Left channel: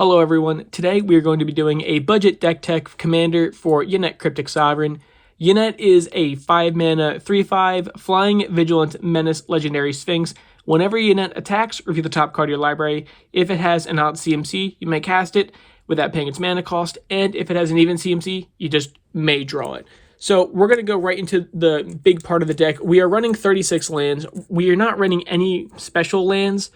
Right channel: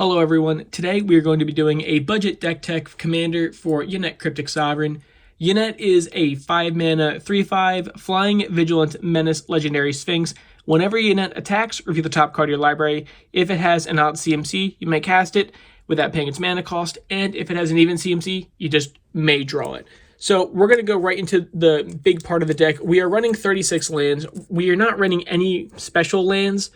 Hello everyone, today we are going to be doing a budget deck tech commander for Yennett Cryptic Sovereign. Yennett is a 5-mana, 3/5 Flying Vigilant Menace Legendary Sphinx. Whenever Yennett attacks, review the top card of your library. If it has an odd CMC, you may cast it without paying its mana cost, and if it has an even CMC, you just may draw it. So we're going to go right into the big part of the deck. We are running 36 lands. We are not running any special lands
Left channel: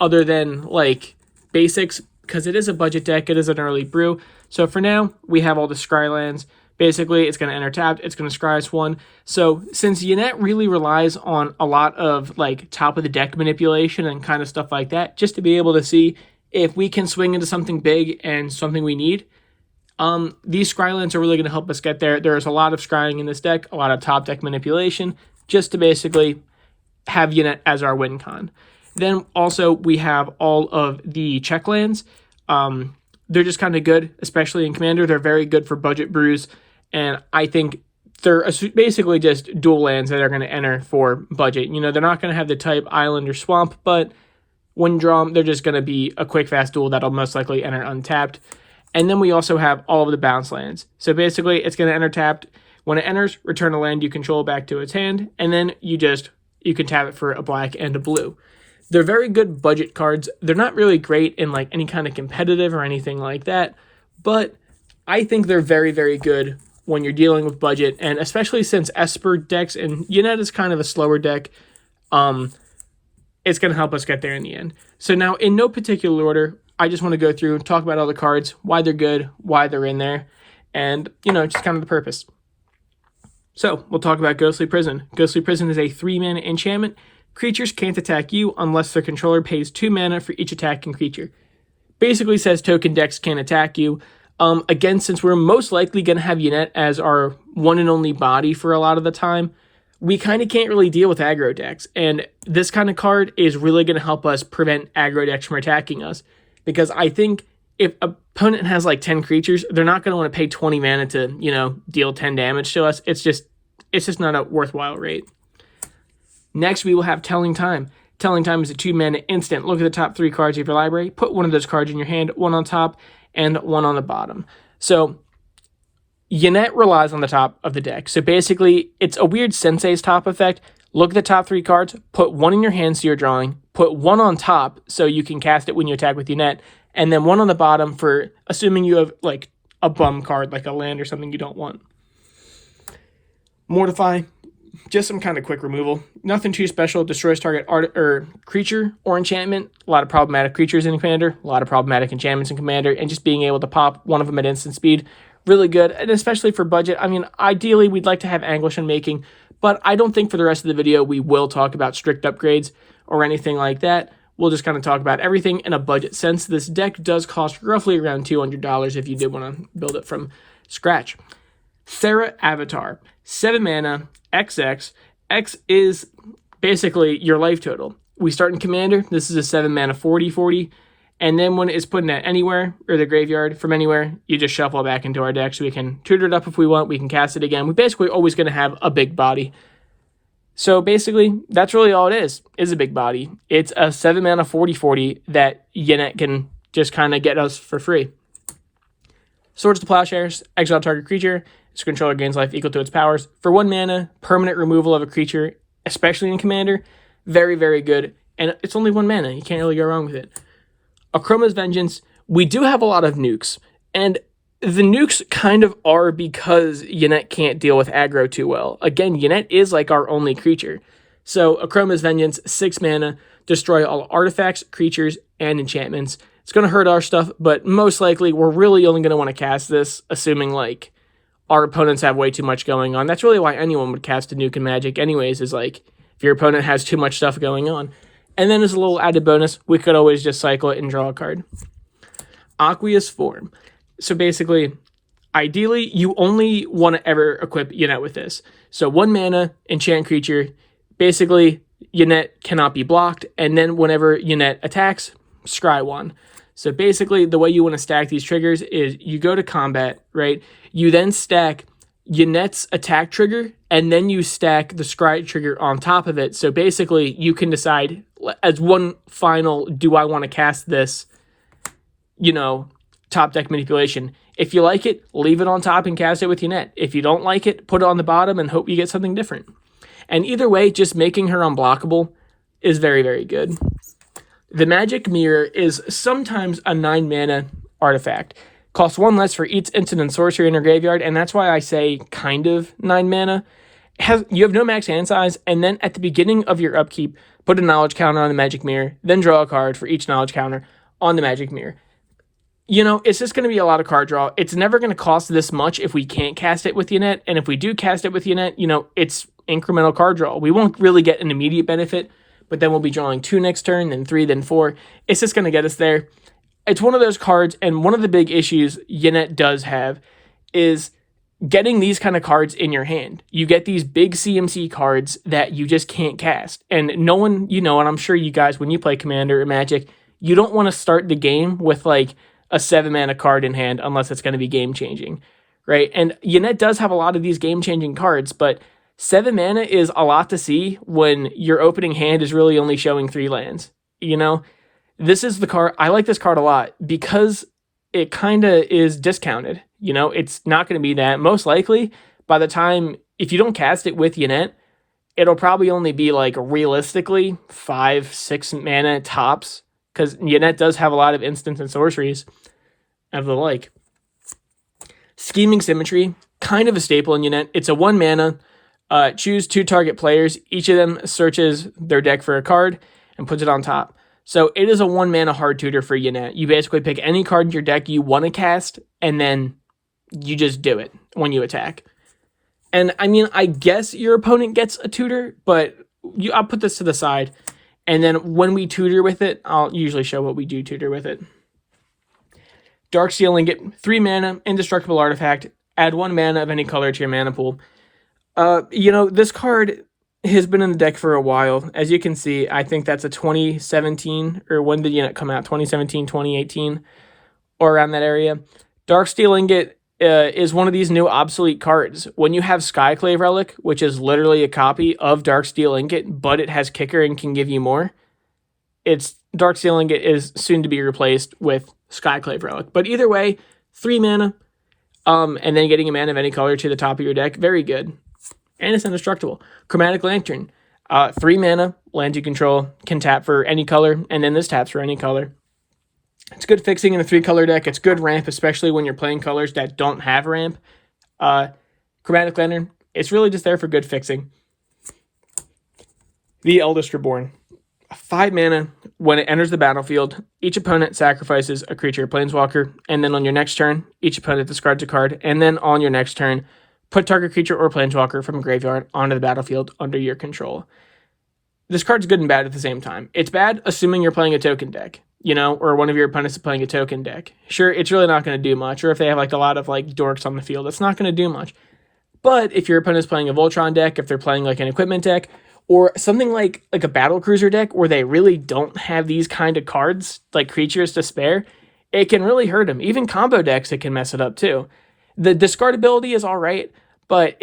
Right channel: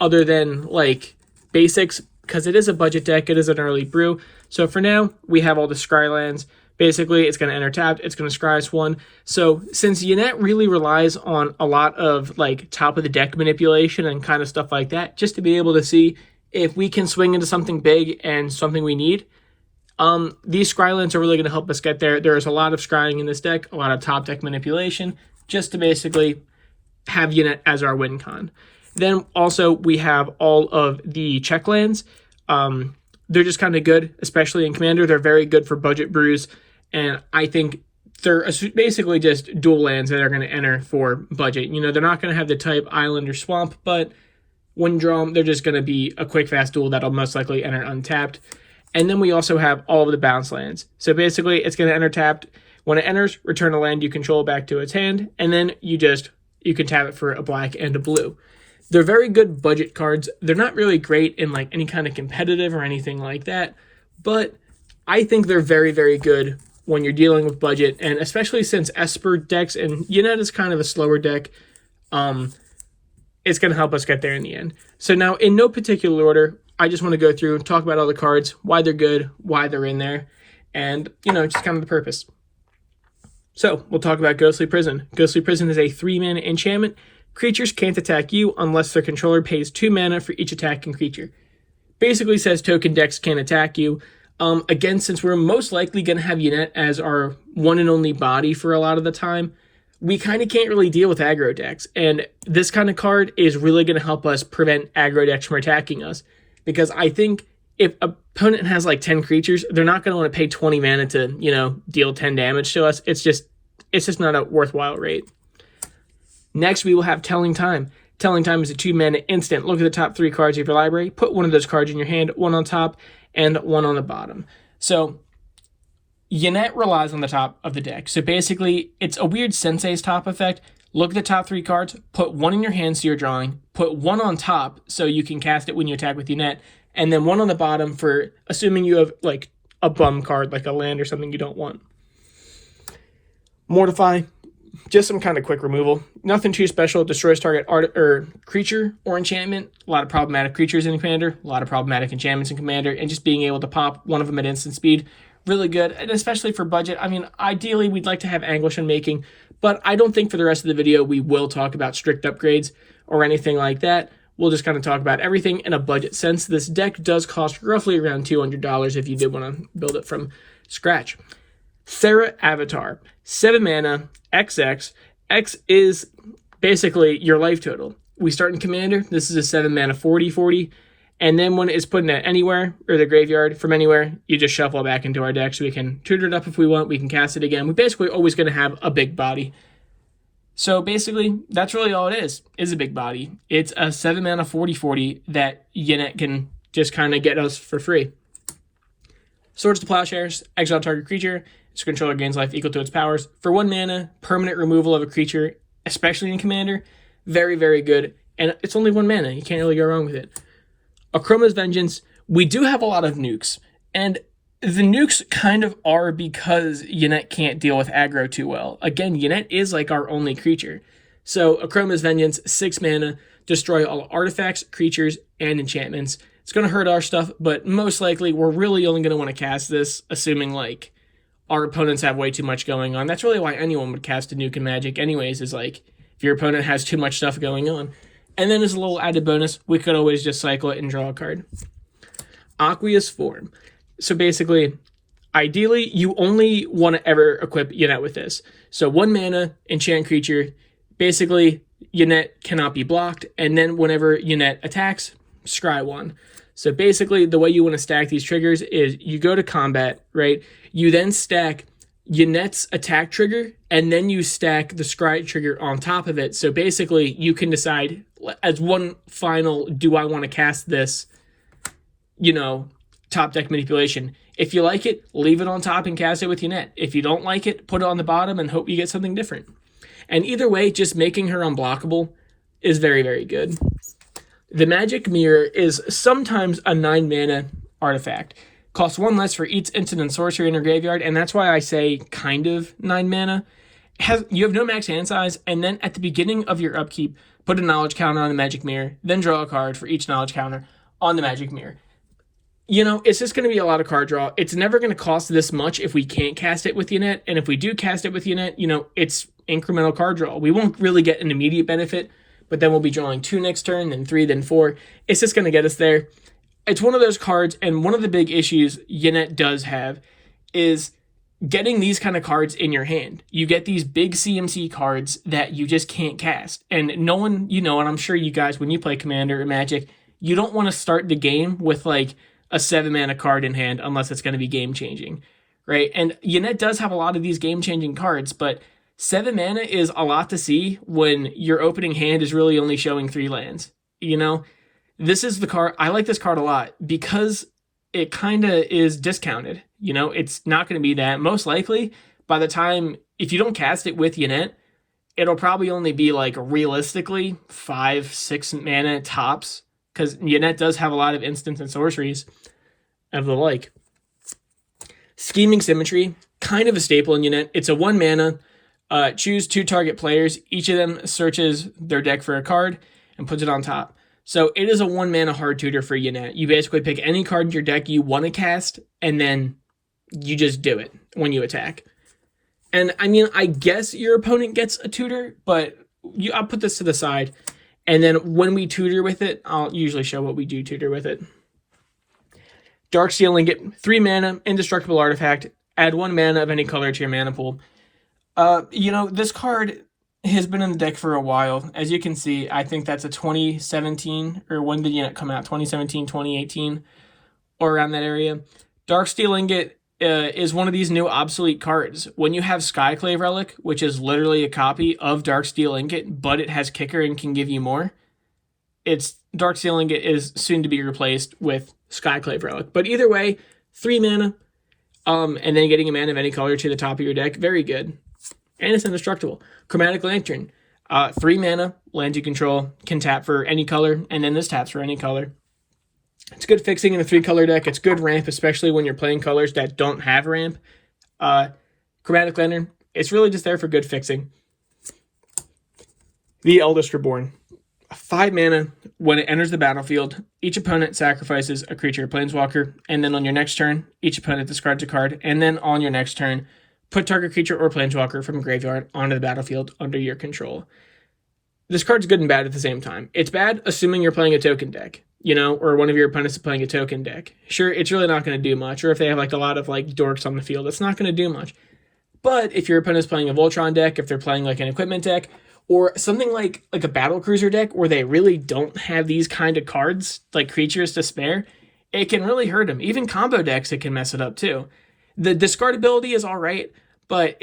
other than like basics, because it is a budget deck, it is an early brew. So for now, we have all the scry lands. Basically, it's going to enter tapped, it's going to scry us one. So since Yennett really relies on a lot of like top of the deck manipulation and kind of stuff like that, just to be able to see if we can swing into something big and something we need, these scry lands are really going to help us get there. There's a lot of scrying in this deck, a lot of top deck manipulation, just to basically have Yennett as our win con. Then also we have all of the check lands. They're just kind of good, especially in Commander. They're very good for budget brews, and I think they're basically just dual lands that are going to enter for budget. You know, they're not going to have the type Island or Swamp, but when you draw them, they're just going to be a quick, fast duel that'll most likely enter untapped. And then we also have all of the bounce lands. So basically, it's going to enter tapped. When it enters, return a land you control back to its hand, and then you can tap it for a black and a blue. They're very good budget cards. They're not really great in like any kind of competitive or anything like that, but I think they're very, very good when you're dealing with budget, and especially since Esper decks and Yennett is kind of a slower deck, it's going to help us get there in the end. So now, in no particular order, I just want to go through and talk about all the cards, why they're good, why they're in there, and, you know, just kind of the purpose. So, we'll talk about Ghostly Prison. Ghostly Prison is a 3-mana enchantment. Creatures can't attack you unless their controller pays 2 mana for each attacking creature. Basically says token decks can't attack you. Again, since we're most likely going to have Yennett as our one and only body for a lot of the time, we kind of can't really deal with aggro decks. And this kind of card is really going to help us prevent aggro decks from attacking us. Because I think if an opponent has like 10 creatures, they're not going to want to pay 20 mana to, you know, deal 10 damage to us. It's just not a worthwhile rate. Next, we will have Telling Time. Telling Time is a 2-mana instant. Look at the top 3 cards of your library. Put one of those cards in your hand, one on top and one on the bottom. So, Yennett relies on the top of the deck. So basically, it's a weird Sensei's top effect. Look at the top 3 cards, put one in your hand so you're drawing, put one on top so you can cast it when you attack with Yennett, and then one on the bottom for assuming you have like a bum card, like a land or something you don't want. Mortify. Just some kind of quick removal. Nothing too special. Destroys target creature or enchantment. A lot of problematic creatures in Commander. A lot of problematic enchantments in Commander. And just being able to pop one of them at instant speed. Really good. And especially for budget. I mean, ideally, we'd like to have Anguish Unmaking. But I don't think for the rest of the video we will talk about strict upgrades or anything like that. We'll just kind of talk about everything in a budget sense. This deck does cost roughly around $200 if you did want to build it from scratch. Thera Avatar. 7 mana. XX. X is basically your life total. We start in Commander. This is a 7 mana 40/40. And then when it's put in at anywhere, or the graveyard from anywhere, you just shuffle it back into our deck so we can tutor it up if we want. We can cast it again. We're basically always going to have a big body. So basically, that's really all it is a big body. It's a 7 mana 40/40 that Yennett can just kind of get us for free. Swords to Plowshares. Exile target creature. Its controller gains life equal to its powers. For 1 mana, permanent removal of a creature, especially in Commander. Very, very good. And it's only 1 mana. You can't really go wrong with it. Akroma's Vengeance. We do have a lot of nukes. And the nukes kind of are because Yennett can't deal with aggro too well. Again, Yennett is like our only creature. So Akroma's Vengeance, 6 mana. Destroy all artifacts, creatures, and enchantments. It's going to hurt our stuff, but most likely we're really only going to want to cast this, assuming like our opponents have way too much going on. That's really why anyone would cast a nuke in Magic anyways, is like, if your opponent has too much stuff going on. And then as a little added bonus, we could always just cycle it and draw a card. Aqueous Form. So basically, ideally, you only want to ever equip Yennett with this. So 1 mana, enchant creature. Basically, Yennett cannot be blocked. And then whenever Yennett attacks, scry 1. So basically, the way you want to stack these triggers is you go to combat, right? You then stack Yennett's attack trigger, and then you stack the scry trigger on top of it. So basically, you can decide as one final, do I want to cast this top deck manipulation. If you like it, leave it on top and cast it with Yennett. If you don't like it, put it on the bottom and hope you get something different. And either way, just making her unblockable is very, very good. The Magic Mirror is sometimes a 9-mana artifact. Costs 1 less for each instant and sorcery in her graveyard, and that's why I say kind of 9 mana. You have no max hand size, and then at the beginning of your upkeep, put a knowledge counter on the Magic Mirror, then draw a card for each knowledge counter on the Magic Mirror. It's just going to be a lot of card draw. It's never going to cost this much if we can't cast it with Yennett, and if we do cast it with Yennett, it's incremental card draw. We won't really get an immediate benefit, but then we'll be drawing 2 next turn, then 3, then 4. It's just going to get us there. It's one of those cards, and one of the big issues Yennett does have is getting these kind of cards in your hand. You get these big CMC cards that you just can't cast. And no one, and I'm sure you guys, when you play Commander or Magic, you don't want to start the game with like a 7-mana card in hand unless it's going to be game-changing, right? And Yennett does have a lot of these game-changing cards, but 7 mana is a lot to see when your opening hand is really only showing 3 lands. This is the card. I like this card a lot because it kind of is discounted. It's not going to be that. Most likely, by the time, if you don't cast it with Yennett, it'll probably only be like realistically 5-6 mana tops, because Yennett does have a lot of instants and sorceries of the like. Scheming Symmetry, kind of a staple in Yennett. It's a 1 mana. Choose 2 target players. Each of them searches their deck for a card and puts it on top. So it is a 1 mana hard tutor for Yennett. You basically pick any card in your deck you want to cast, and then you just do it when you attack. And I guess your opponent gets a tutor, but I'll put this to the side. And then when we tutor with it, I'll usually show what we do tutor with it. Darksteel Ingot, 3 mana, indestructible artifact. Add 1 mana of any color to your mana pool. This card has been in the deck for a while. As you can see, I think that's a 2017, or when did Yennett come out? 2017, 2018, or around that area. Darksteel Ingot is one of these new obsolete cards. When you have Skyclave Relic, which is literally a copy of Darksteel Ingot, but it has kicker and can give you more, Darksteel Ingot is soon to be replaced with Skyclave Relic. But either way, 3 mana, and then getting a mana of any color to the top of your deck, very good. And it's indestructible. Chromatic Lantern, 3 mana, lands you control, can tap for any color, and then this taps for any color. It's good fixing in a 3-color deck. It's good ramp, especially when you're playing colors that don't have ramp. Chromatic Lantern, it's really just there for good fixing. The Eldest Reborn, 5 mana. When it enters the battlefield, each opponent sacrifices a creature or planeswalker, and then on your next turn, each opponent discards a card, and then on your next turn, put target creature or planeswalker from a graveyard onto the battlefield under your control. This card's good and bad at the same time. It's bad assuming you're playing a token deck, or one of your opponents is playing a token deck. Sure, it's really not going to do much. Or if they have a lot of dorks on the field, it's not going to do much. But if your opponent's playing a Voltron deck, if they're playing an equipment deck, or something like a battle cruiser deck where they really don't have these kind of cards, like creatures to spare, it can really hurt them. Even combo decks, it can mess it up too. The discard ability is all right, but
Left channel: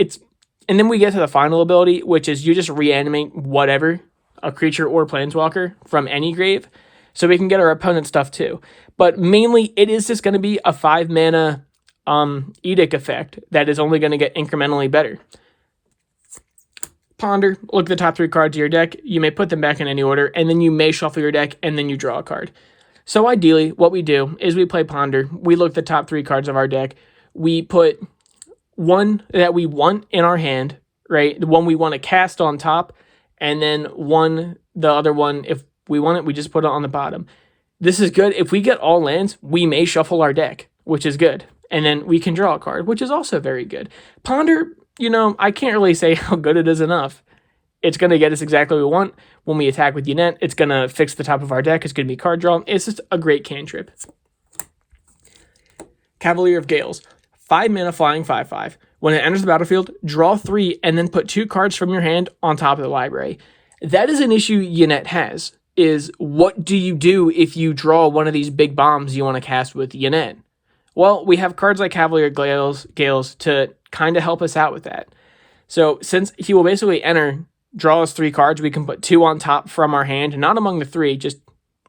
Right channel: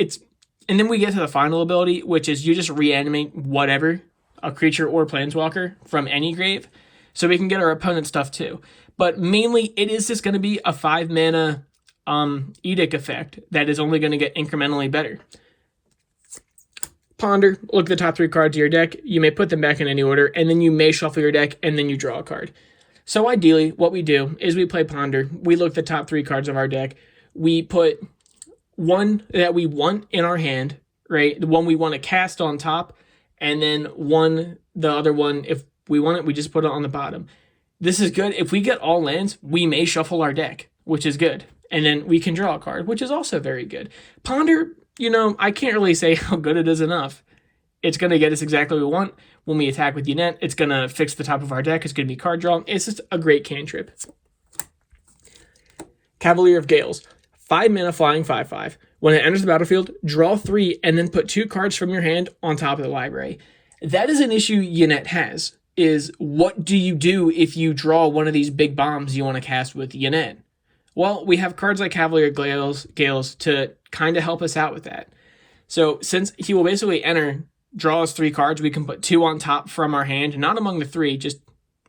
and then we get to the final ability, which is you just reanimate whatever, a creature or planeswalker from any grave, so we can get our opponent stuff too. But mainly, it is just going to be a 5 mana edict effect that is only going to get incrementally better. Ponder, look at the top 3 cards of your deck. You may put them back in any order, and then you may shuffle your deck, and then you draw a card. So ideally, what we do is we play Ponder. We look at the top 3 cards of our deck. We put one that we want in our hand, right? The one we want to cast on top, and then the other one, if we want it, we just put it on the bottom. This is good. If we get all lands, we may shuffle our deck, which is good. And then we can draw a card, which is also very good. Ponder, I can't really say how good it is enough. It's going to get us exactly what we want. When we attack with Yennett, it's going to fix the top of our deck. It's going to be card draw. It's just a great cantrip. Cavalier of Gales, 5 mana flying 5/5. When it enters the battlefield, draw 3 and then put 2 cards from your hand on top of the library. That is an issue Yennett has, is what do you do if you draw one of these big bombs you want to cast with Yennett? Well, we have cards like Cavalier Gales to kind of help us out with that. So since he will basically draw us 3 cards, we can put 2 on top from our hand, not among the 3, just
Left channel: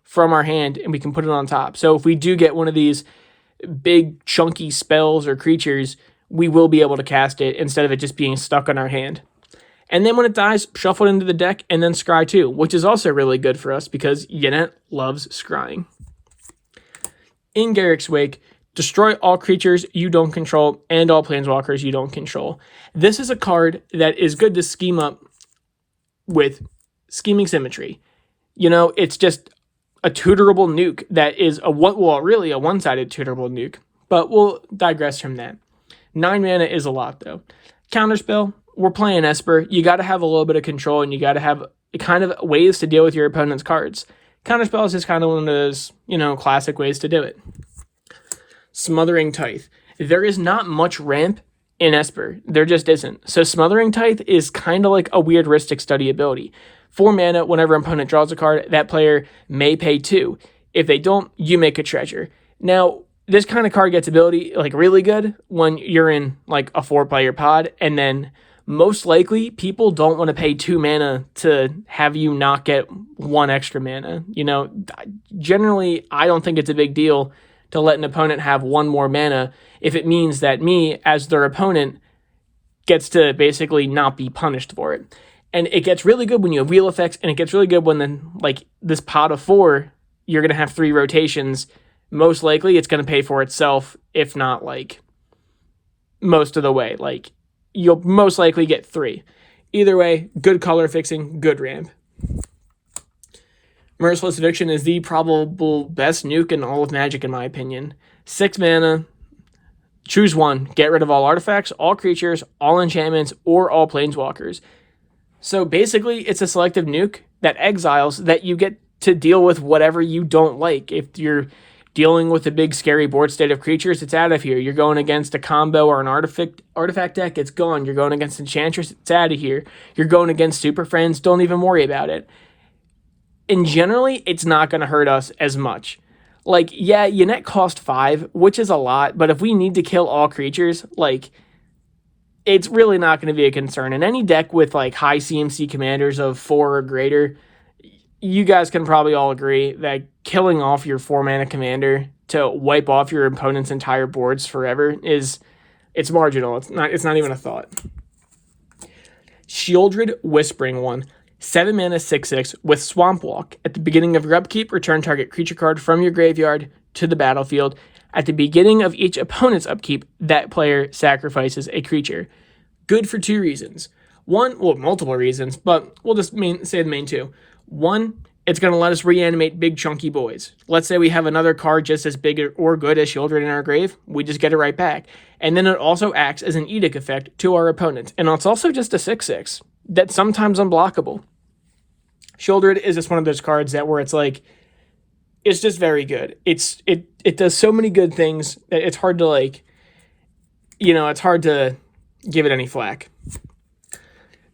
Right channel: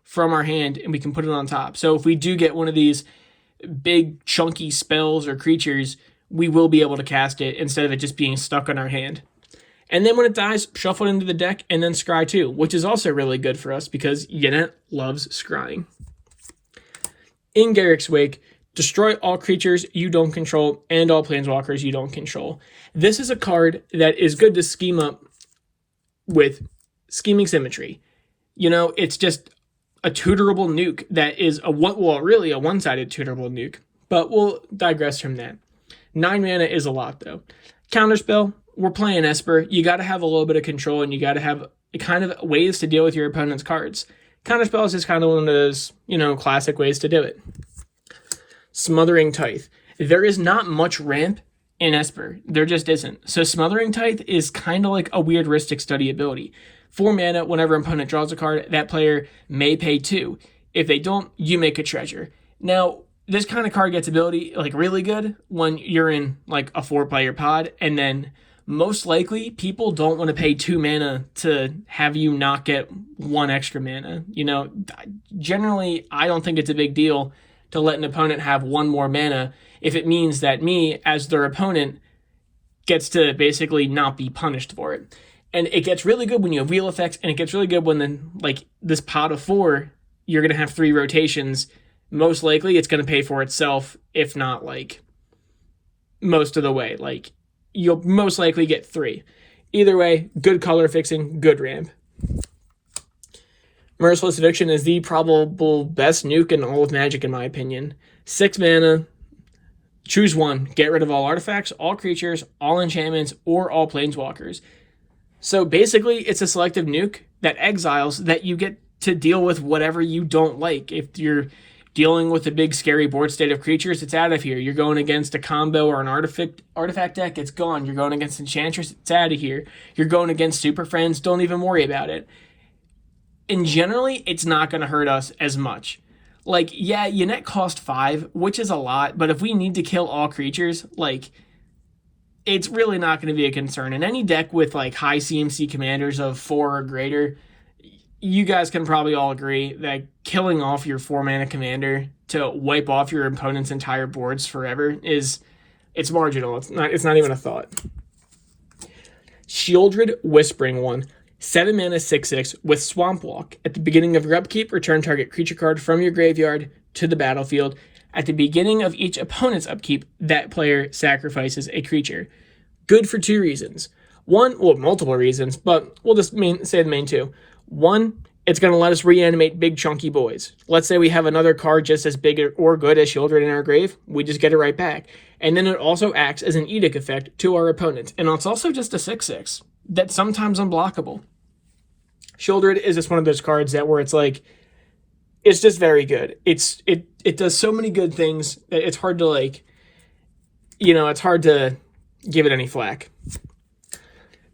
from our hand and we can put it on top. So if we do get one of these big chunky spells or creatures, we will be able to cast it instead of it just being stuck on our hand. And then when it dies, shuffle it into the deck and then scry too, which is also really good for us because Yennett loves scrying. In Garrick's Wake, destroy all creatures you don't control and all planeswalkers you don't control. This is a card that is good to scheme up with Scheming Symmetry. You know, it's just a tutorable nuke that is really a one-sided tutorable nuke, but we'll digress from that. 9 mana is a lot though. Counterspell, we're playing Esper. You got to have a little bit of control and you got to have kind of ways to deal with your opponent's cards. Counterspell is just kind of one of those, classic ways to do it. Smothering Tithe. There is not much ramp in Esper. There just isn't. So Smothering Tithe is kind of like a weird Rhystic Study ability. 4 mana, whenever an opponent draws a card, that player may pay 2. If they don't, you make a treasure. Now, this kind of card gets ability really good when you're in a 4-player pod, and then most likely people don't want to pay 2 mana to have you not get 1 extra mana. Generally, I don't think it's a big deal to let an opponent have 1 more mana if it means that me, as their opponent, gets to basically not be punished for it. And it gets really good when you have wheel effects, and it gets really good when then this pot of 4, you're going to have 3 rotations. Most likely it's going to pay for itself, if not most of the way. You'll most likely get 3. Either way, good color fixing, good ramp. Merciless Eviction is the probable best nuke in all of Magic, in my opinion. 6 mana, choose 1, get rid of all artifacts, all creatures, all enchantments, or all planeswalkers. So basically, it's a selective nuke that exiles that you get to deal with whatever you don't like. If you're dealing with a big scary board state of creatures, it's out of here. You're going against a combo or an artifact deck, it's gone. You're going against Enchantress, it's out of here. You're going against Super Friends, don't even worry about it. And generally, it's not going to hurt us as much. Yennett cost 5, which is a lot, but if we need to kill all creatures, it's really not going to be a concern. In any deck with high CMC commanders of 4 or greater, you guys can probably all agree that killing off your 4-mana commander to wipe off your opponent's entire boards forever it's marginal. It's not even a thought. Shieldred Whispering One. 7 mana 6/6 with Swamp Walk. At the beginning of your upkeep, return target creature card from your graveyard to the battlefield. At the beginning of each opponent's upkeep, that player sacrifices a creature. Good for 2 reasons. Multiple reasons, but we'll just say the main 2. 1, it's going to let us reanimate big chunky boys. Let's say we have another card just as big or good as Shieldred in our grave, we just get it right back. And then it also acts as an edict effect to our opponents. And it's also just a 6/6 that's sometimes unblockable. Shieldred is just one of those cards that where it's it's just very good. It does so many good things that it's hard to it's hard to give it any flack.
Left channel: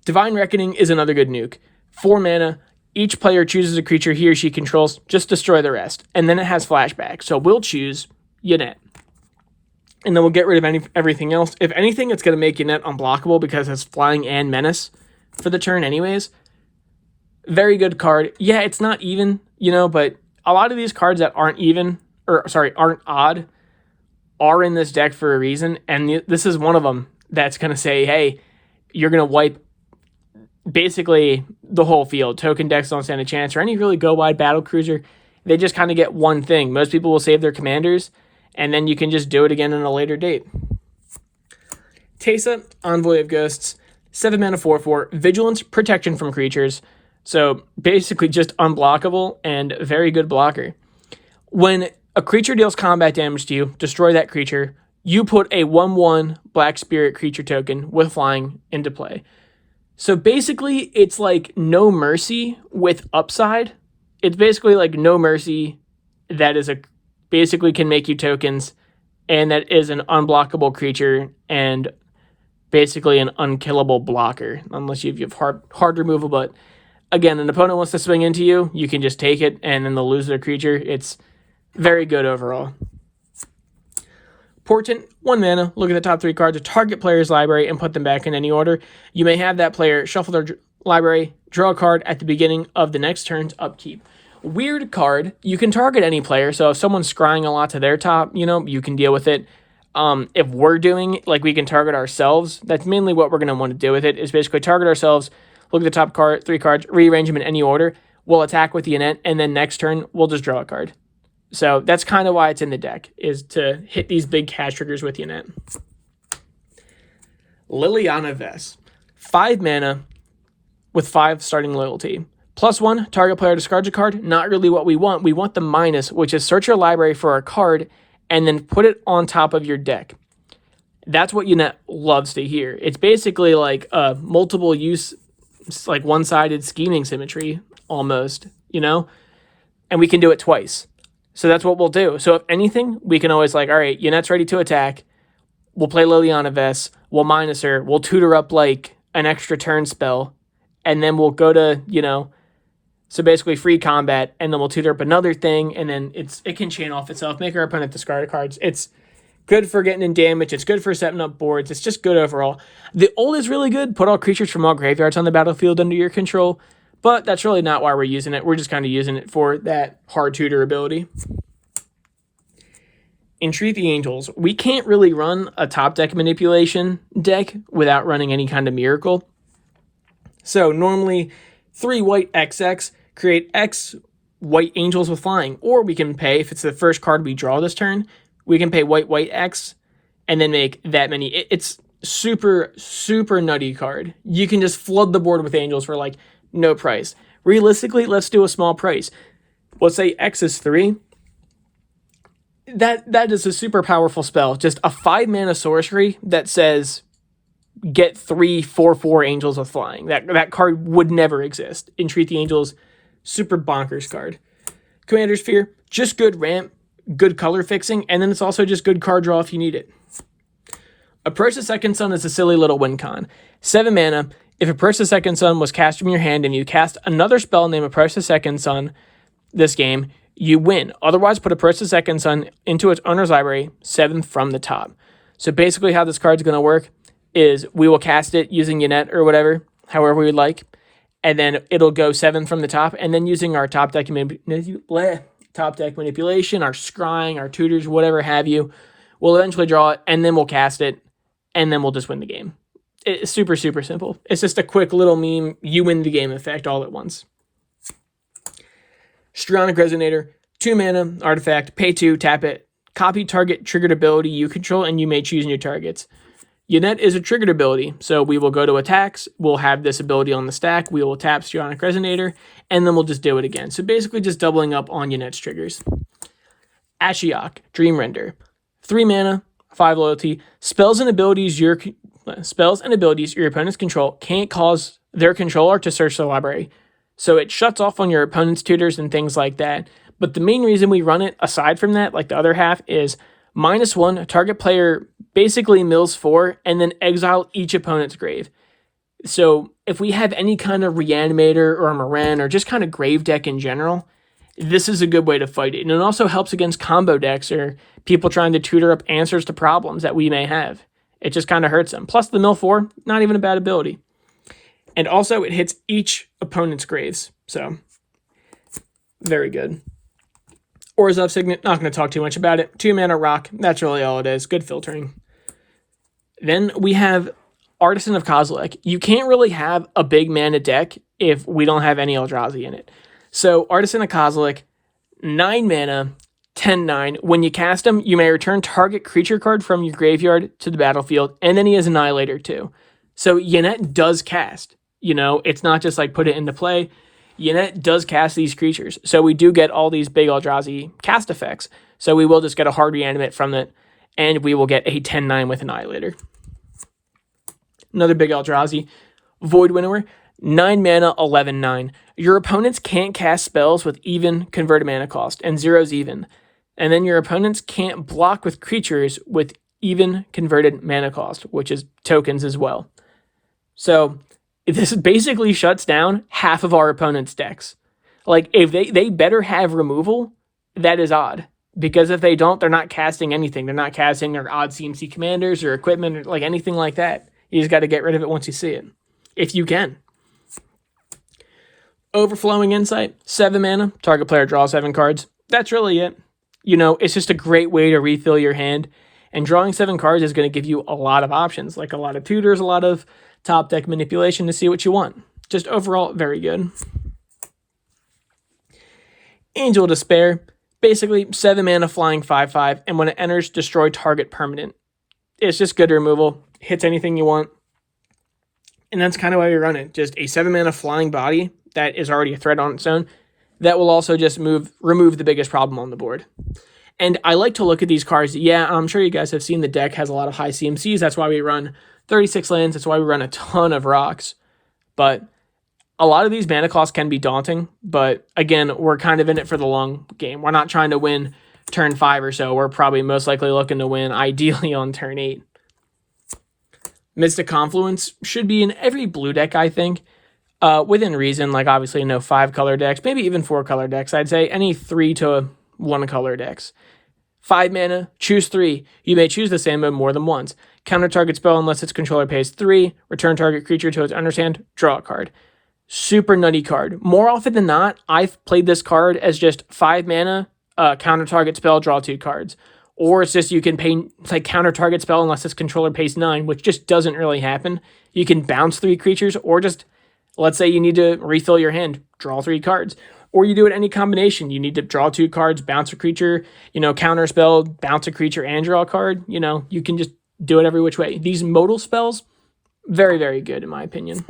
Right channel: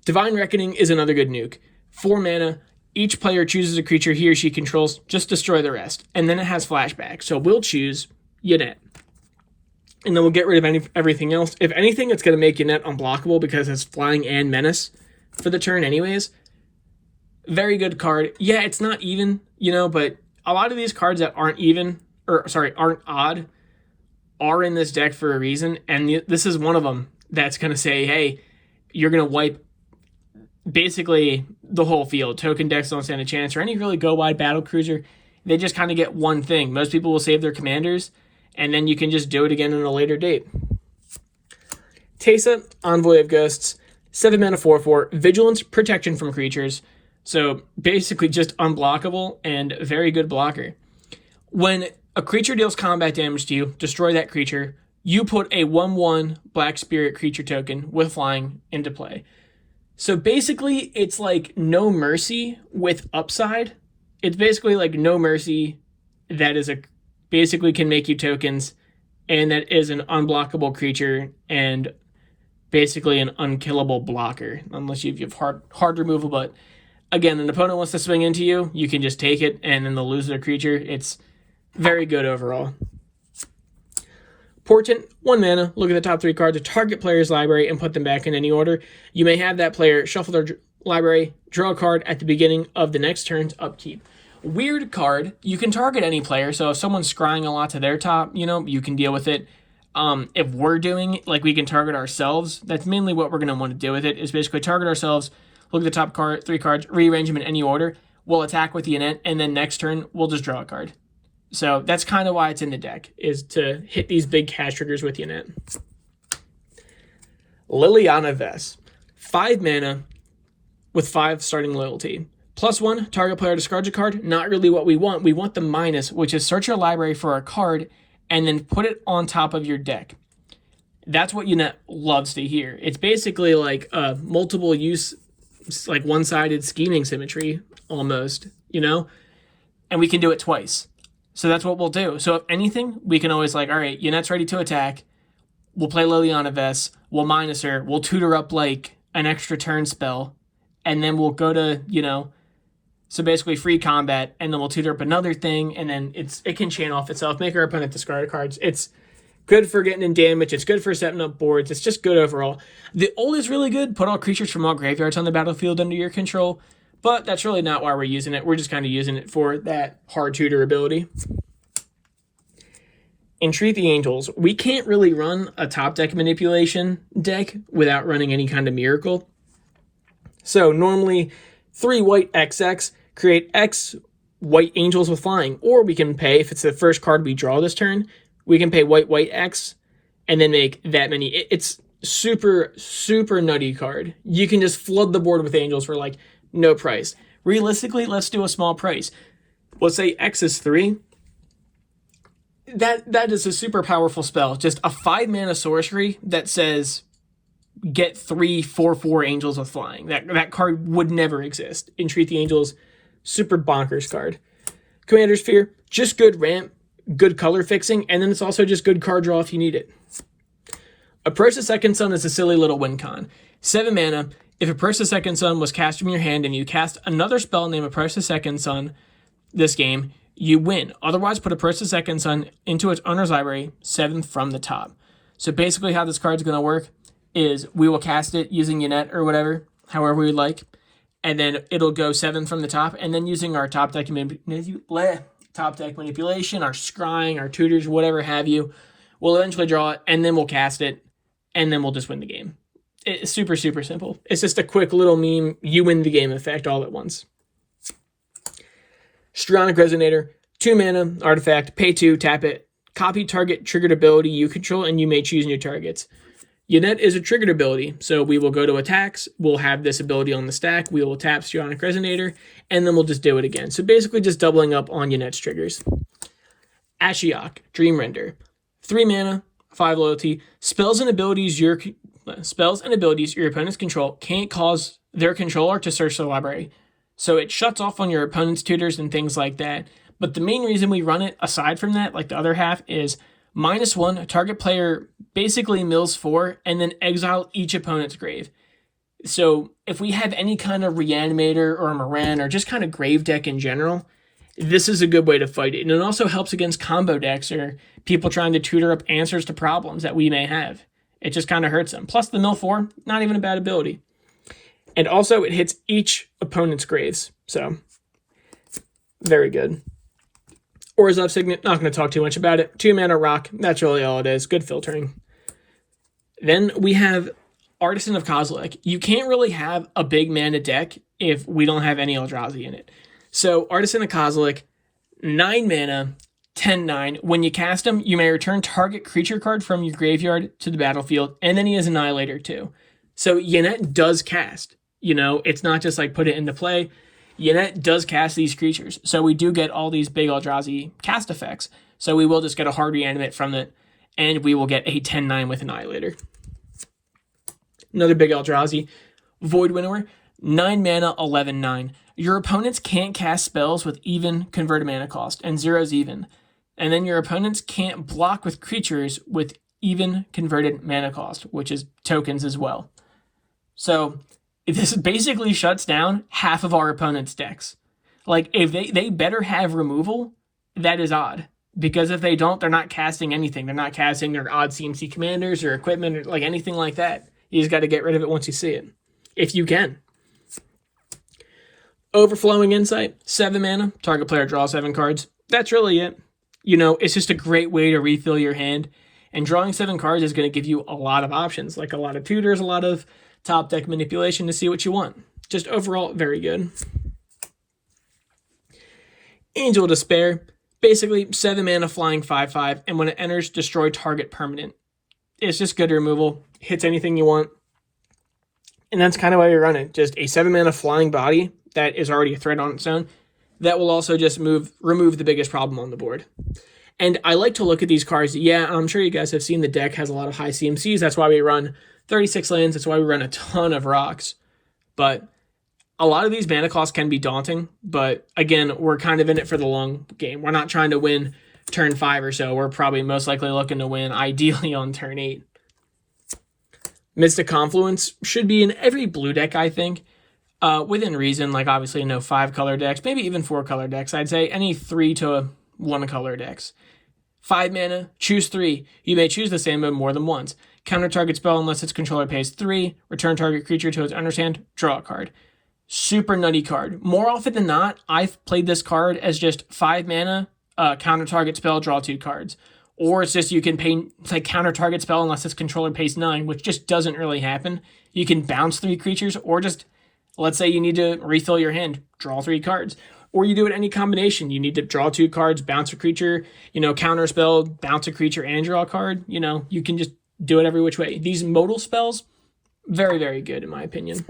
Divine Reckoning is another good nuke. 4 mana, each player chooses a creature he or she controls, just destroy the rest. And then it has flashback. So we'll choose Yennett. And then we'll get rid of everything else. If anything, it's going to make Yennett unblockable because it's flying and menace for the turn anyways. Very good card. Yeah, it's not even, but a lot of these cards that aren't odd are in this deck for a reason. And this is one of them that's going to say, hey, you're going to wipe basically the whole field. Token decks don't stand a chance, or any really go-wide battle cruiser. They just kind of get one thing. Most people will save their commanders, and then you can just do it again at a later date. Teysa, Envoy of Ghosts, 7 mana 4/4, Vigilance, protection from creatures. So basically just unblockable and very good blocker. When a creature deals combat damage to you, destroy that creature. You put a 1/1 Black Spirit creature token with flying into play. So basically, it's No Mercy with upside. It's basically No Mercy that is basically can make you tokens, and that is an unblockable creature and basically an unkillable blocker, unless you have hard removal. But again, an opponent wants to swing into you, you can just take it, and then they'll lose their creature. It's very good overall. Portent, 1 mana, look at the top 3 cards of target player's library and put them back in any order. You may have that player shuffle their library, draw a card at the beginning of the next turn's upkeep. Weird card. You can target any player, so if someone's scrying a lot to their top, you can deal with it. If we're doing, like, we can target ourselves. That's mainly what we're going to want to do with it, is basically target ourselves, look at the top three cards, rearrange them in any order. We'll attack with Yennett, and then next turn, we'll just draw a card. So that's kind of why it's in the deck, is to hit these big cast triggers with Yennett. Liliana Vess. 5 mana with 5 starting loyalty. +1, target player discards a card. Not really what we want. We want the minus, which is search your library for a card and then put it on top of your deck. That's what Yennett loves to hear. It's basically like a multiple use, like one-sided scheming symmetry almost, and we can do it twice. So that's what we'll do. So if anything, we can always all right, Yennett's ready to attack. We'll play Liliana Vess. We'll minus her. We'll tutor up like an extra turn spell. And then we'll go to, so basically free combat, and then we'll tutor up another thing, and then it can chain off itself, make our opponent discard cards. It's good for getting in damage. It's good for setting up boards. It's just good overall. The ult is really good. Put all creatures from all graveyards on the battlefield under your control, but that's really not why we're using it. We're just kind of using it for that hard tutor ability. Entreat the Angels. We can't really run a top deck manipulation deck without running any kind of miracle. So normally 3 white XX, create X white angels with flying. Or we can pay, if it's the first card we draw this turn, we can pay white X and then make that many. It's super, super nutty card. You can just flood the board with angels for no price. Realistically, let's do a small price. Let's say X is 3. That is a super powerful spell. Just a 5 mana sorcery that says get 3 4/4 angels with flying. That card would never exist. Entreat the Angels, super bonkers card. Commander's Fear, just good ramp, good color fixing, and then it's also just good card draw if you need it. Approach the Second Sun is a silly little win con. 7 mana. If Approach the Second Sun was cast from your hand and you cast another spell named Approach the Second Sun this game, you win. Otherwise, put Approach the Second Sun into its owner's library, 7th from the top. So basically how this card's going to work is we will cast it using Yennett or whatever, however we would like, and then it'll go 7 from the top, and then using our top deck manipulation, our scrying, our tutors, whatever have you, we'll eventually draw it, and then we'll cast it, and then we'll just win the game. It's super, super simple. It's just a quick little meme, you win the game effect all at once. Chromatic Resonator, 2 mana, artifact, pay 2, tap it, copy target triggered ability you control, and you may choose new targets. Yennett is a triggered ability, so we will go to attacks, we'll have this ability on the stack, we will tap Chromatic Resonator, and then we'll just do it again. So basically just doubling up on Yennett's triggers. Ashiok, Dream Render. 3 mana, 5 loyalty. Spells and abilities your opponents control can't cause their controller to search the library. So it shuts off on your opponent's tutors and things like that. But the main reason we run it, aside from that, like the other half, is -1, target player basically mills 4, and then exile each opponent's grave. So if we have any kind of Reanimator or Moran or just kind of grave deck in general, this is a good way to fight it. And it also helps against combo decks or people trying to tutor up answers to problems that we may have. It just kind of hurts them. Plus the mill 4, not even a bad ability. And also it hits each opponent's graves. So very good. Orzhov Signet, not going to talk too much about it. 2 mana rock, that's really all it is. Good filtering. Then we have Artisan of Cosilick. You can't really have a big mana deck if we don't have any Eldrazi in it. So Artisan of Cosilick, 9 mana, 10/9. When you cast him, you may return target creature card from your graveyard to the battlefield, and then he has Annihilator too. So Yennett does cast. It's not just put it into play. Yennett does cast these creatures. So we do get all these big Eldrazi cast effects. So we will just get a hard reanimate from it, and we will get a 10/9 with Annihilator. Another big Eldrazi, Void Winnower, 9 mana, 11/9. Your opponents can't cast spells with even converted mana cost, and 0's even. And then your opponents can't block with creatures with even converted mana cost, which is tokens as well. So this basically shuts down half of our opponent's decks. If they better have removal, that is odd. Because if they don't, they're not casting anything. They're not casting their odd CMC commanders or equipment or anything like that. You just got to get rid of it once you see it. If you can. Overflowing Insight, 7 mana, target player draws 7 cards. That's really it. You know, it's just a great way to refill your hand. And drawing 7 cards is going to give you a lot of options, like a lot of tutors, a lot of top deck manipulation to see what you want. Just overall, very good. Angel Despair, basically 7 mana flying 5/5, and when it enters, destroy target permanent. It's just good removal, hits anything you want. And that's kind of why we run it. Just a 7 mana flying body that is already a threat on its own. That will also just remove the biggest problem on the board. And I like to look at these cards. Yeah, I'm sure you guys have seen the deck has a lot of high CMCs. That's why we run 36 lands. That's why we run a ton of rocks. But a lot of these mana costs can be daunting. But again, we're kind of in it for the long game. We're not trying to win turn 5 or so. We're probably most likely looking to win ideally on turn 8. Mystic Confluence should be in every blue deck, I think. Within reason, like obviously no 5-color decks, maybe even 4-color decks. I'd say any 3 to 1-color decks. 5 mana, choose 3. You may choose the same mode more than once. Counter target spell unless its controller pays 3. Return target creature to its underhand. Draw a card. Super nutty card. More often than not, I've played this card as just 5 mana, counter target spell, draw 2 cards. Or it's just you can pay like counter target spell unless its controller pays 9, which just doesn't really happen. You can bounce 3 creatures, or just, let's say you need to refill your hand, draw 3 cards. Or you do it any combination. You need to draw 2 cards, bounce a creature, counter spell, bounce a creature, and draw a card. You can just do it every which way. These modal spells, very, very good in my opinion.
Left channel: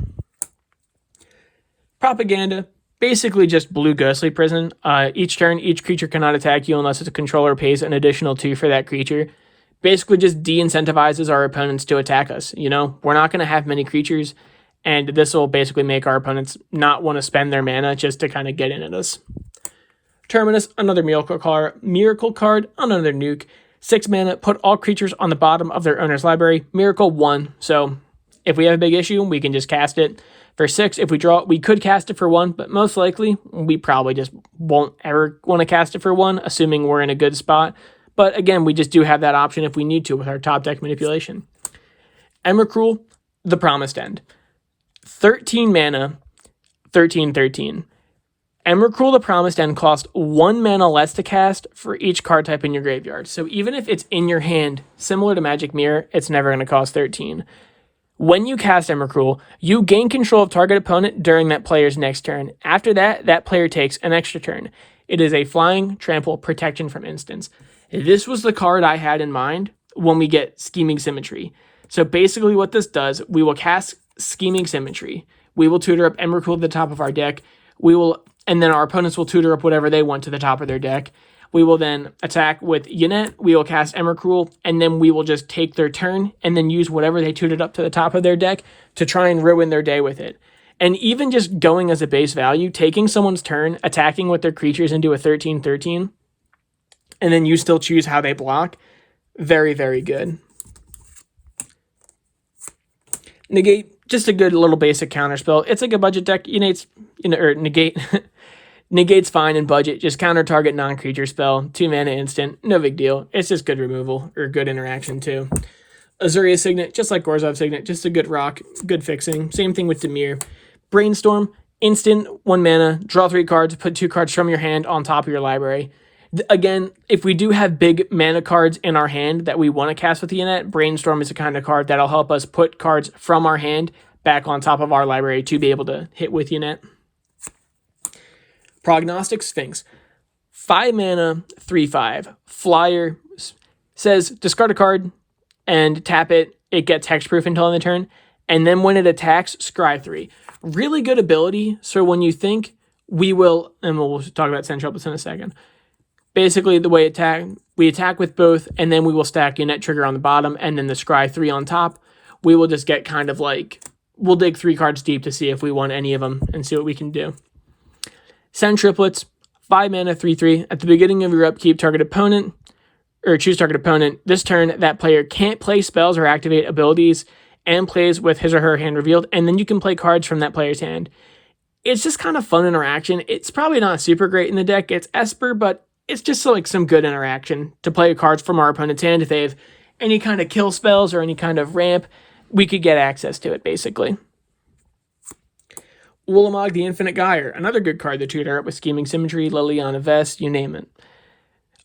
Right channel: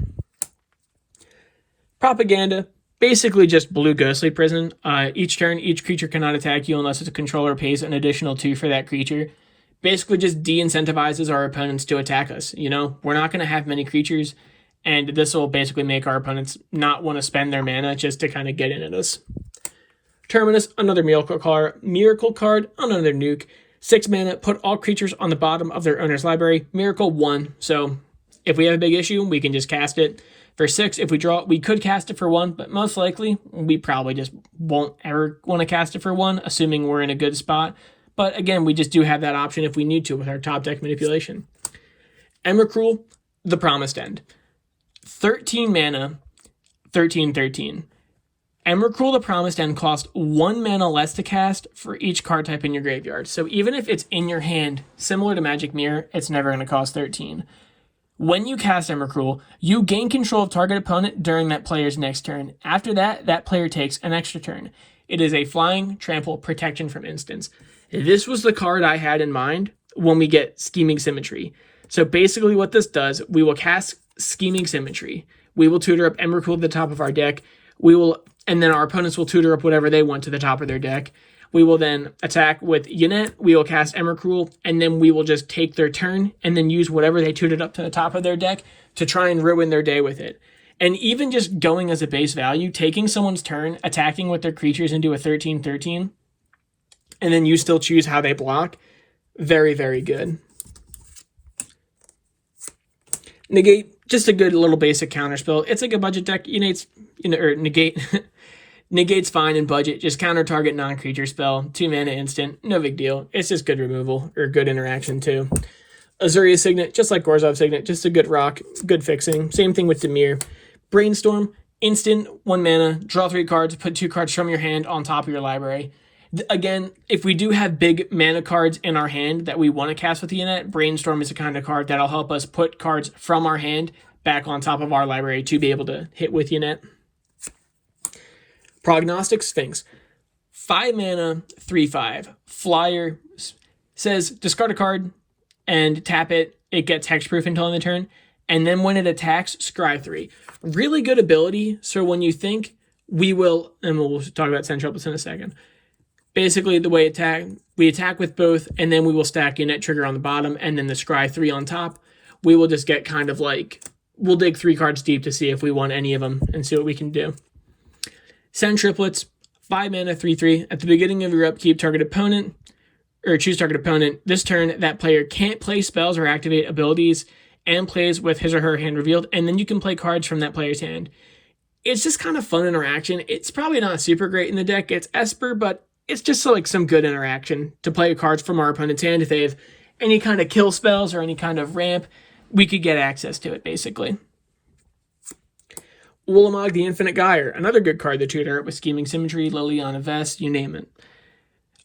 Propaganda, basically just blue Ghostly Prison. Each turn, each creature cannot attack you unless its controller pays an additional 2 for that creature. Basically just de-incentivizes our opponents to attack us. We're not going to have many creatures, and this will basically make our opponents not want to spend their mana just to kind of get in at us. Terminus, another miracle card, another nuke. 6 mana, put all creatures on the bottom of their owner's library. Miracle 1, so if we have a big issue, we can just cast it. For 6, if we draw, we could cast it for 1, but most likely, we probably just won't ever want to cast it for 1, assuming we're in a good spot. But again, we just do have that option if we need to with our top deck manipulation. Emrakul, the Promised End. 13 mana, 13/13. Emrakul, the Promised End costs 1 mana less to cast for each card type in your graveyard. So even if it's in your hand, similar to Magic Mirror, it's never going to cost 13. When you cast Emrakul, you gain control of target opponent during that player's next turn. After that, that player takes an extra turn. It is a flying, trample, protection from instants. This was the card I had in mind when we get Scheming Symmetry. So basically what this does, we will cast Scheming Symmetry. We will tutor up Emrakul to the top of our deck. And then our opponents will tutor up whatever they want to the top of their deck. We will then attack with Yennett. We will cast Emrakul, and then we will just take their turn and then use whatever they tutored up to the top of their deck to try and ruin their day with it. And even just going as a base value, taking someone's turn, attacking with their creatures into a 13/13, and then you still choose how they block, very, very good. Negate, just a good little basic counterspell. It's like a budget deck. Negate. Negate's fine in budget. Just counter target non-creature spell. 2 mana instant. No big deal. It's just good removal, or good interaction too. Azuria's Signet, just like Gorzov's Signet, just a good rock, good fixing. Same thing with Dimir. Brainstorm, instant, 1 mana, draw 3 cards, put 2 cards from your hand on top of your library. Again, if we do have big mana cards in our hand that we want to cast with Yennett, Brainstorm is the kind of card that'll help us put cards from our hand back on top of our library to be able to hit with Yennett. Prognostic Sphinx. 5 mana, 3/5. Flyer, says discard a card and tap it. It gets hexproof until end of the turn. And then when it attacks, scry 3. Really good ability. So when you think we will, and we'll talk about Centropus in a second. Basically, the way we attack with both, and then we will stack Yennett trigger on the bottom, and then the scry 3 on top. We will just get kind of like, we'll dig 3 cards deep to see if we want any of them and see what we can do. Send Triplets, 5 mana, 3/3. At the beginning of your upkeep, choose target opponent. This turn, that player can't play spells or activate abilities and plays with his or her hand revealed, and then you can play cards from that player's hand. It's just kind of fun interaction. It's probably not super great in the deck. It's Esper, but it's just like some good interaction to play cards from our opponent's hand. If they have any kind of kill spells or any kind of ramp, we could get access to it, basically. Ulamog the Infinite Gyre, another good card to tutor up with Scheming Symmetry, Liliana Vest, you name it.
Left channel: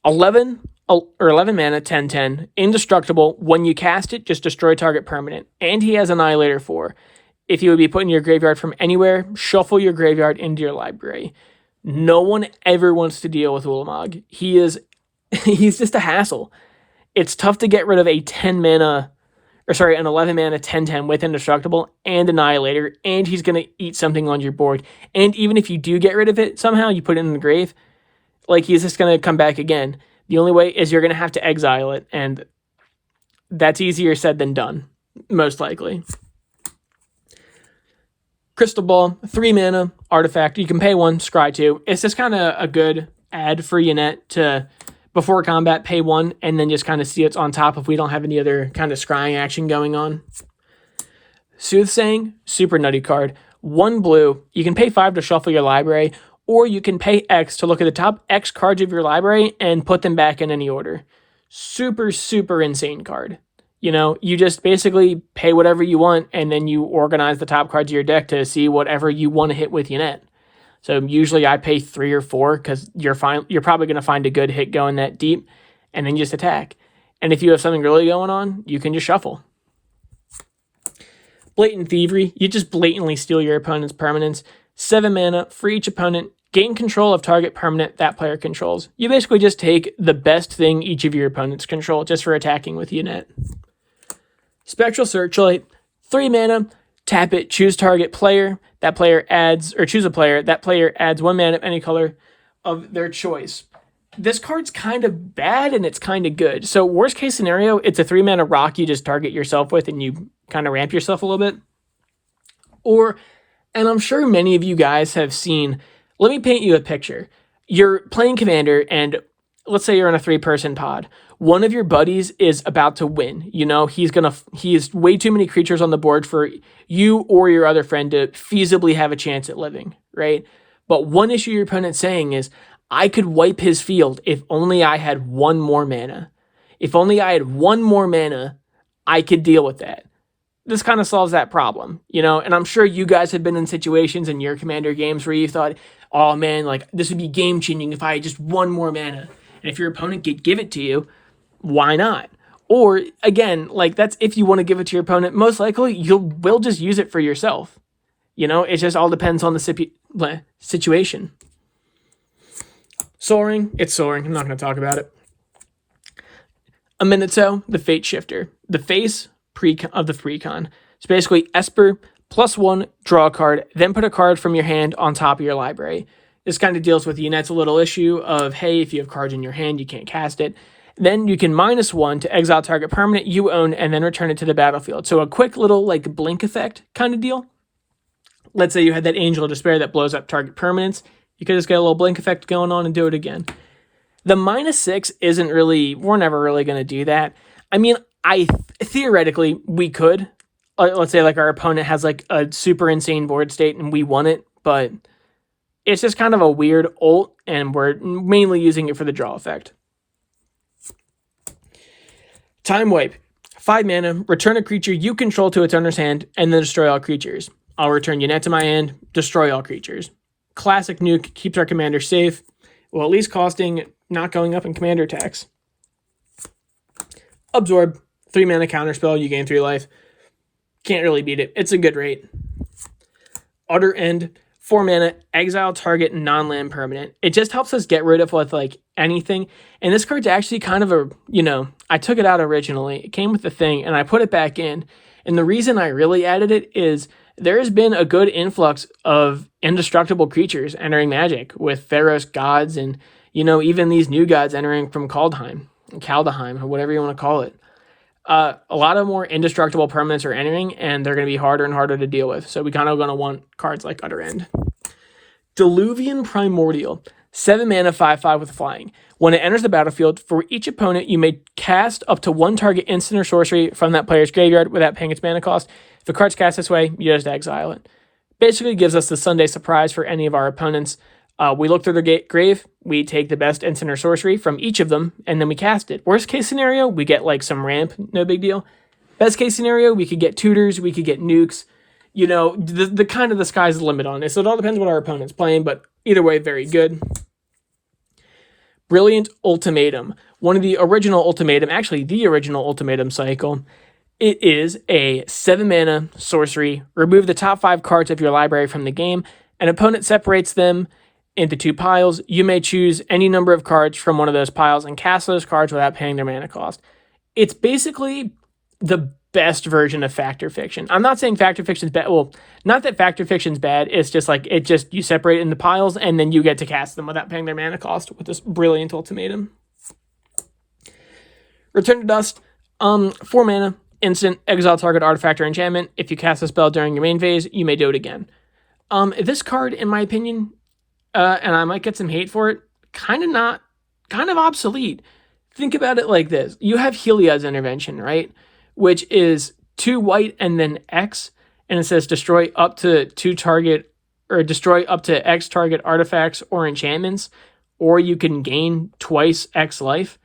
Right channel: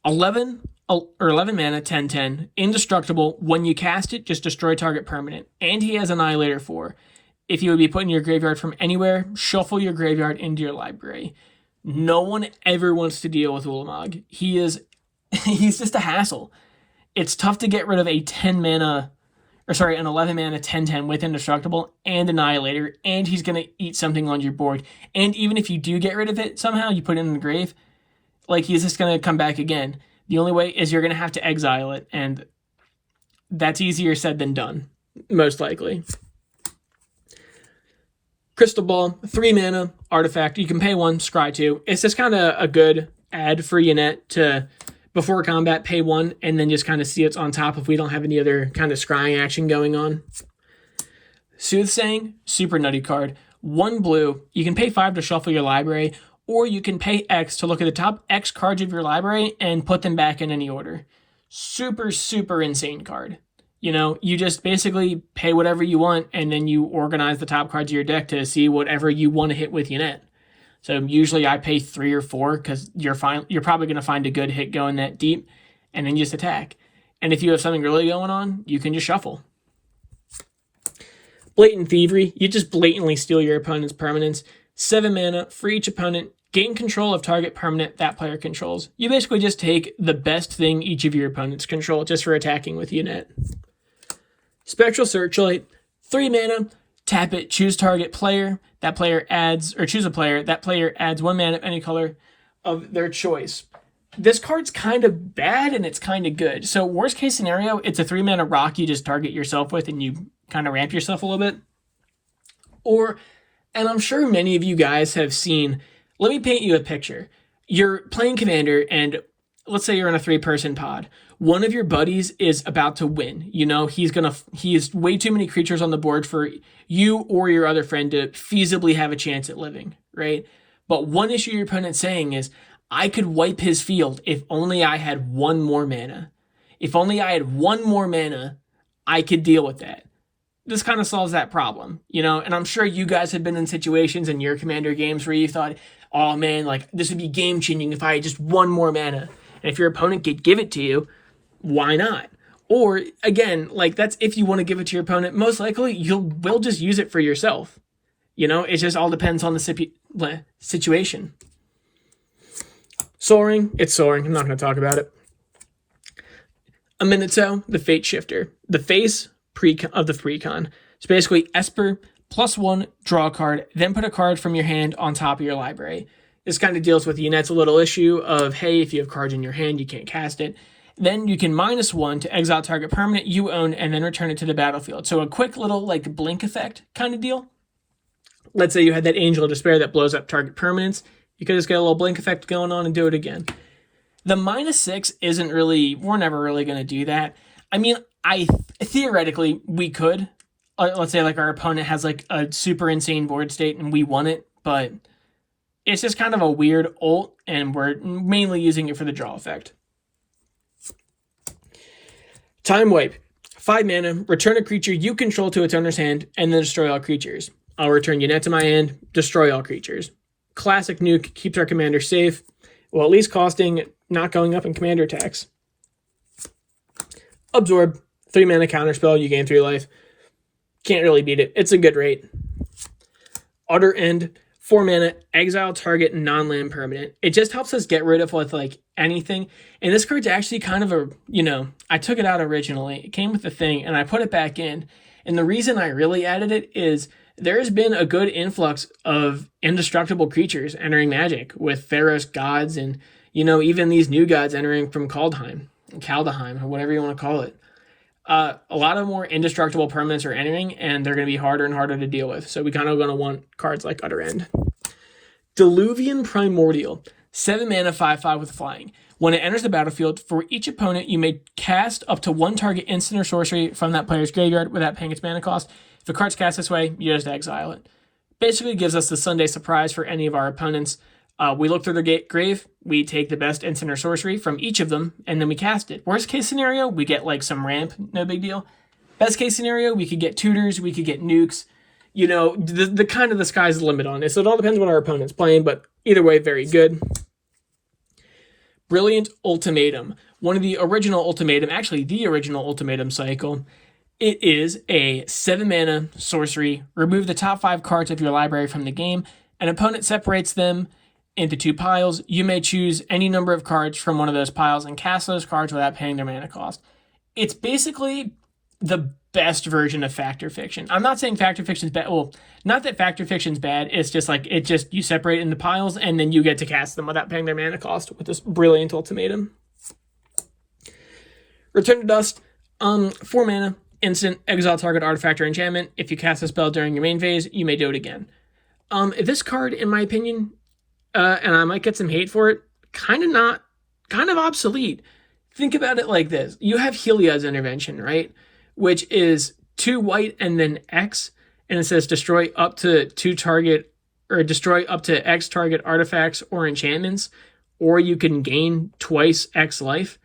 11 mana, 10/10, indestructible. When you cast it, just destroy target permanent. And he has Annihilator 4. If you would be put in your graveyard from anywhere, shuffle your graveyard into your library. No one ever wants to deal with Ulamog. He's just a hassle. It's tough to get rid of a 10 mana, an 11 mana 10/10 with Indestructible and Annihilator, and he's going to eat something on your board. And even if you do get rid of it somehow, you put it in the grave, like he's just going to come back again. The only way is you're going to have to exile it, and that's easier said than done, most likely. Crystal Ball, 3 mana, artifact. You can pay 1, scry 2. It's just kind of a good add for Yennett to, before combat, pay 1, and then just kind of see it's on top if we don't have any other kind of scrying action going on. Soothsaying, super nutty card. 1 blue. You can pay 5 to shuffle your library, or you can pay X to look at the top X cards of your library and put them back in any order. Super, super insane card. You know, you just basically pay whatever you want, and then you organize the top cards of your deck to see whatever you want to hit with Yennett. So usually I pay 3 or 4 because you're probably going to find a good hit going that deep, and then just attack. And if you have something really going on, you can just shuffle. Blatant Thievery, you just blatantly steal your opponent's permanents. 7 mana for each opponent. Gain control of target permanent that player controls. You basically just take the best thing each of your opponents control just for attacking with Yennett. Spectral Searchlight, 3 mana, tap it, choose target player, that player adds, or choose a player, that player adds 1 mana of any color of their choice. This card's kind of bad and it's kind of good. So worst case scenario, it's a 3 mana rock you just target yourself with and you kind of ramp yourself a little bit. Or, and I'm sure many of you guys have seen, let me paint you a picture. You're playing Commander and let's say you're in a 3-person pod. One of your buddies is about to win. You know, he has way too many creatures on the board for you or your other friend to feasibly have a chance at living, right? But one issue your opponent's saying is, I could wipe his field if only I had 1 more mana. If only I had 1 more mana, I could deal with that. This kind of solves that problem, you know? And I'm sure you guys have been in situations in your Commander games where you thought, oh man, like this would be game-changing if I had just 1 more mana. And if your opponent could give it to you, why not? Or again, like that's if you want to give it to your opponent, most likely will just use it for yourself. You know, it just all depends on the situation. Soaring, it's soaring. I'm not going to talk about it. A Minuto, the Fate Shifter. The face of the precon. It's basically Esper, +1, draw a card, then put a card from your hand on top of your library. This kind of deals with Yennett's little issue of, hey, if you have cards in your hand, you can't cast it. Then you can -1 to exile target permanent you own and then return it to the battlefield. So a quick little like blink effect kind of deal. Let's say you had that Angel of Despair that blows up target permanents. You could just get a little blink effect going on and do it again. The -6 isn't really, we're never really going to do that. I mean, theoretically, we could. Let's say like our opponent has like a super insane board state and we want it, but it's just kind of a weird ult and we're mainly using it for the draw effect. Time Wipe. 5 mana, return a creature you control to its owner's hand, and then destroy all creatures. I'll return Yennett to my hand, destroy all creatures. Classic nuke, keeps our commander safe, while at least costing not going up in commander attacks. Absorb. 3 mana counterspell, you gain 3 life. Can't really beat it. It's a good rate. Utter End. 4 mana, exile target non-land permanent. It just helps us get rid of with like anything. And this card's actually kind of a, you know, I took it out originally. It came with the thing and I put it back in. And the reason I really added it is there's been a good influx of indestructible creatures entering Magic with Theros gods and, you know, even these new gods entering from Kaldheim, or whatever you want to call it. A lot of more indestructible permanents are entering, and they're going to be harder and harder to deal with. So we kind of going to want cards like Utter End. Diluvian Primordial. 7 mana, 5/5 with flying. When it enters the battlefield, for each opponent, you may cast up to 1 target instant or sorcery from that player's graveyard without paying its mana cost. If the card's cast this way, you just exile it. Basically gives us the Sunday surprise for any of our opponents. We look through their grave, we take the best instant or sorcery from each of them, and then we cast it. Worst case scenario, we get like some ramp, no big deal. Best case scenario, we could get tutors, we could get nukes. you know, the kind of the sky's the limit on it. So it all depends what our opponent's playing, but either way, very good. Brilliant Ultimatum. One of the original Ultimatum, actually the original Ultimatum cycle. It is a 7-mana sorcery. Remove the top 5 cards of your library from the game. An opponent separates them into 2 piles. You may choose any number of cards from one of those piles and cast those cards without paying their mana cost. It's basically the best version of Fact or Fiction. I'm not saying Fact or Fiction's bad. Well, not that Fact or Fiction's bad. It's just like, you separate it into piles and then you get to cast them without paying their mana cost with this Brilliant Ultimatum. Return to Dust. 4 mana, instant, exile target artifact or enchantment. If you cast a spell during your main phase, you may do it again. This card, in my opinion, and I might get some hate for it, kind of obsolete. Think about it like this. You have Heliod's Intervention, right? Which is 2 white and then X, and it says destroy up to 2 target, or destroy up to X target artifacts or enchantments, or you can gain twice X life.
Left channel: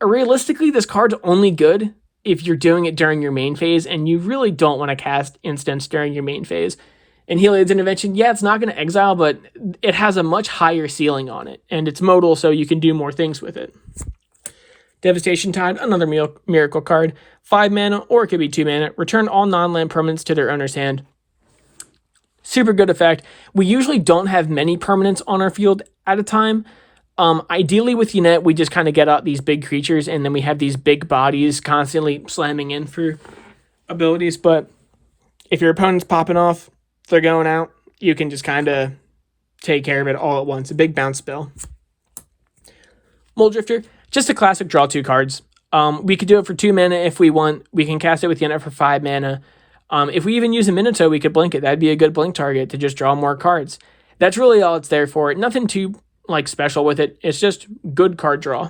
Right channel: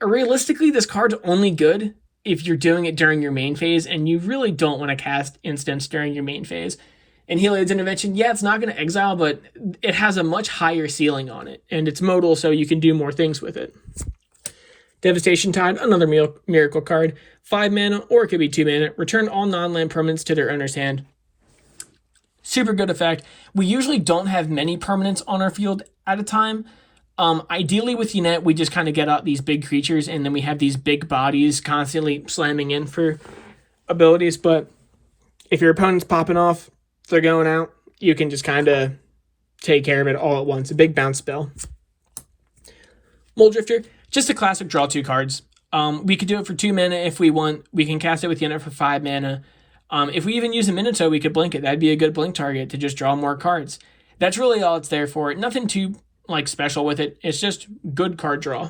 Realistically, this card's only good if you're doing it during your main phase, and you really don't want to cast instants during your main phase. And Heliod's Intervention, yeah, it's not going to exile, but it has a much higher ceiling on it, and it's modal, so you can do more things with it. Devastation Tide, another miracle card. 5 mana, or it could be 2 mana. Return all non-land permanents to their owner's hand. Super good effect. We usually don't have many permanents on our field at a time. Ideally with Yennett, we just kind of get out these big creatures, and then we have these big bodies constantly slamming in for abilities. But if your opponent's popping off, they're going out, you can just kind of take care of it all at once. A big bounce spell. Mold Drifter, just a classic draw 2 cards. We could do it for 2 mana if we want. We can cast it with Yennett for 5 mana. If we even use a Minato, we could blink it. That'd be a good blink target to just draw more cards. That's really all it's there for. Nothing too special with it. It's just good card draw.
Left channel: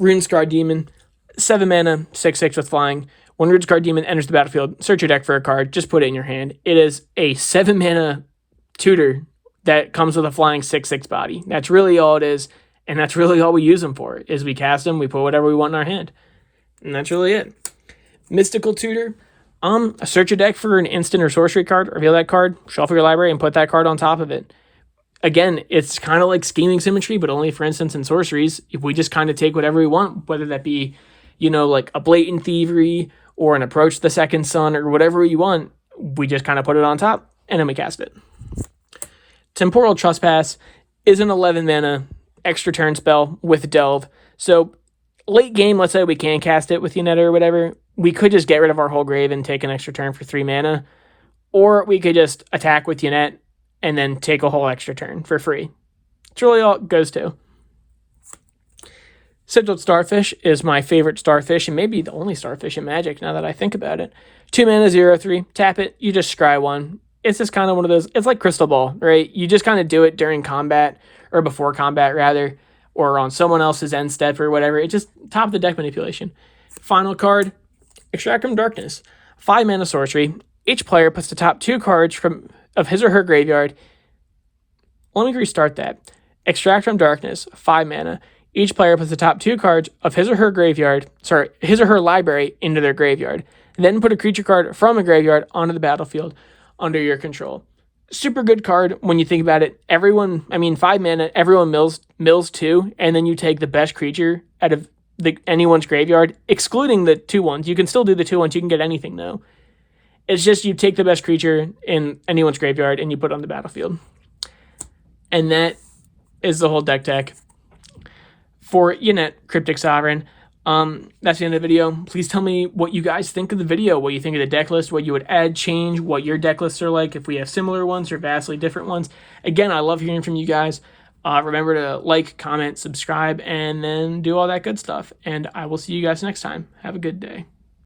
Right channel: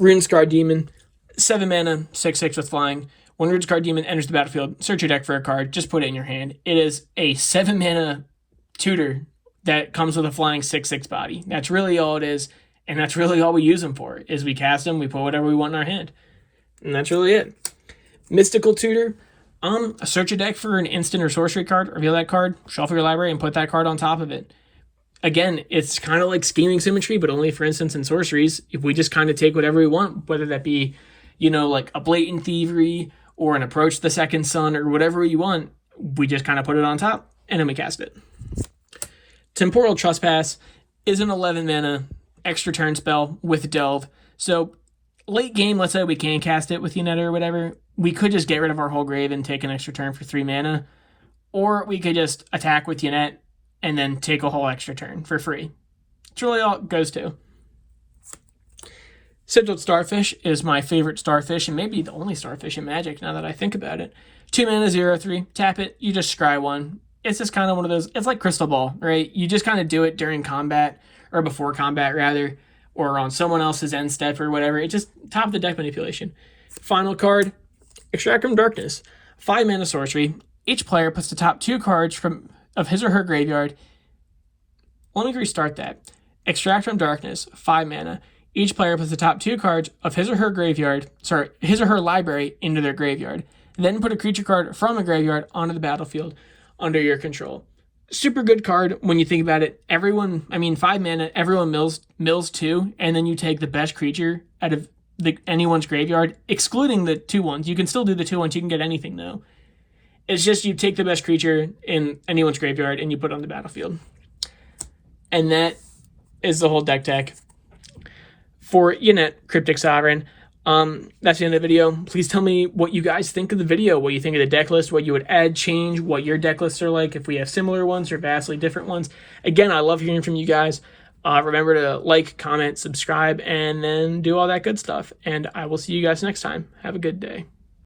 Runescar Demon, 7 mana, 6/6 with flying. When Runescar Demon enters the battlefield, search your deck for a card. Just put it in your hand. It is a 7 mana tutor that comes with a flying 6/6 body. That's really all it is. And that's really all we use them for, is we cast them, we put whatever we want in our hand. And that's really it. Mystical Tutor. Search your deck for an instant or sorcery card, reveal that card, shuffle your library, and put that card on top of it. Again, it's kind of like Scheming Symmetry, but only for instants and sorceries. If we just kind of take whatever we want, whether that be, like a Blatant Thievery, or an Approach the Second Sun, or whatever you want, we just kind of put it on top, and then we cast it. Temporal Trespass is an 11 mana extra turn spell with Delve. So late game, let's say we can cast it with Yennett or whatever, we could just get rid of our whole grave and take an extra turn for 3 mana. Or we could just attack with Yennett and then take a whole extra turn for free. It's really all it goes to. Sigiled Starfish is my favorite starfish, and maybe the only starfish in Magic now that I think about it. 2 mana, 0/3. Tap it, you just scry 1. It's just kind of one of those, it's like Crystal Ball, right? You just kind of do it during combat, or before combat rather, or on someone else's end step or whatever. It's just top of the deck manipulation. Final card, Extract from Darkness. 5 mana sorcery. Each player puts the top 2 cards of his or her graveyard. Let me restart that. Extract from Darkness, 5 mana. Each player puts the top 2 cards of his or her library into their graveyard. Then put a creature card from a graveyard onto the battlefield under your control. Super good card when you think about it. 5 mana, everyone mills 2, and then you take the best creature out of anyone's graveyard, excluding the 2/1s. You can still do the 2/1s, you can get anything though. It's just you take the best creature in anyone's graveyard and you put it on the battlefield. And that is the whole deck tech for Yennett Cryptic Sovereign. That's the end of the video. Please tell me what you guys think of the video, what you think of the deck list, what you would add, change, what your deck lists are like, if we have similar ones or vastly different ones. Again, I love hearing from you guys. Remember to like, comment, subscribe, and then do all that good stuff. And I will see you guys next time. Have a good day.